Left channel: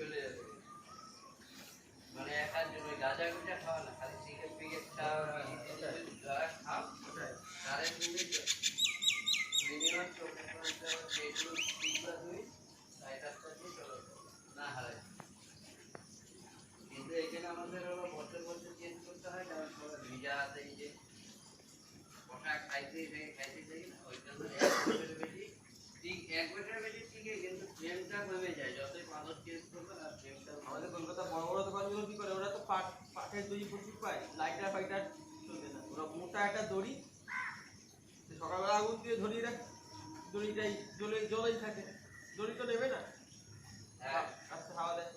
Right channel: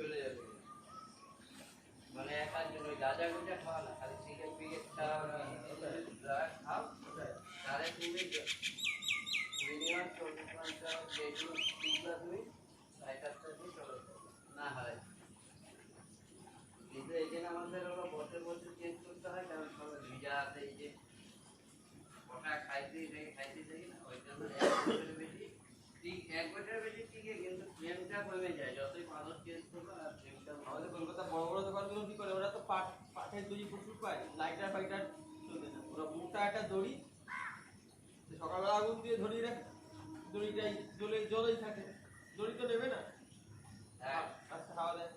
চলে যাবে মানে একার জন্য গাঁজা গুজা খাওয়া না খালি সিগারেট ফিগারেট খাওয়া খাও তাহলে তুমি মিনিমাম 24 ঘন্টা যেগুলো দুধটা দুই সাইকারটা দুই চলো না হারাই কিন্তু এখানে আমাদের হলো বছর বছর চেঞ্জ করতে হয় কারণ সব ভিজা আছে এই যে ওটা খাইতে থাকি না ওই জন্য এক বছরের বেশি ঠিক এক বছরের বেশি ঠিকই কিন্তু ফ্লেমটা কমে যায় যতই মানুষ চেঞ্জ করবে আর ফ্লেমটা আমাদের কলকাতা বড় বড় দোকানগুলো কি করে ওরা তো পাটের দড়ি প্রচুর পায় লাইটার ফাইটার চলবে না ওরা মোটা একটা দড়ি সকালবেলা আগুন দিয়ে ধরিয়ে রাখে দড়িটাই জলেই থাকে দড়ি তো নেবে না আস্তে হাওয়া দেয়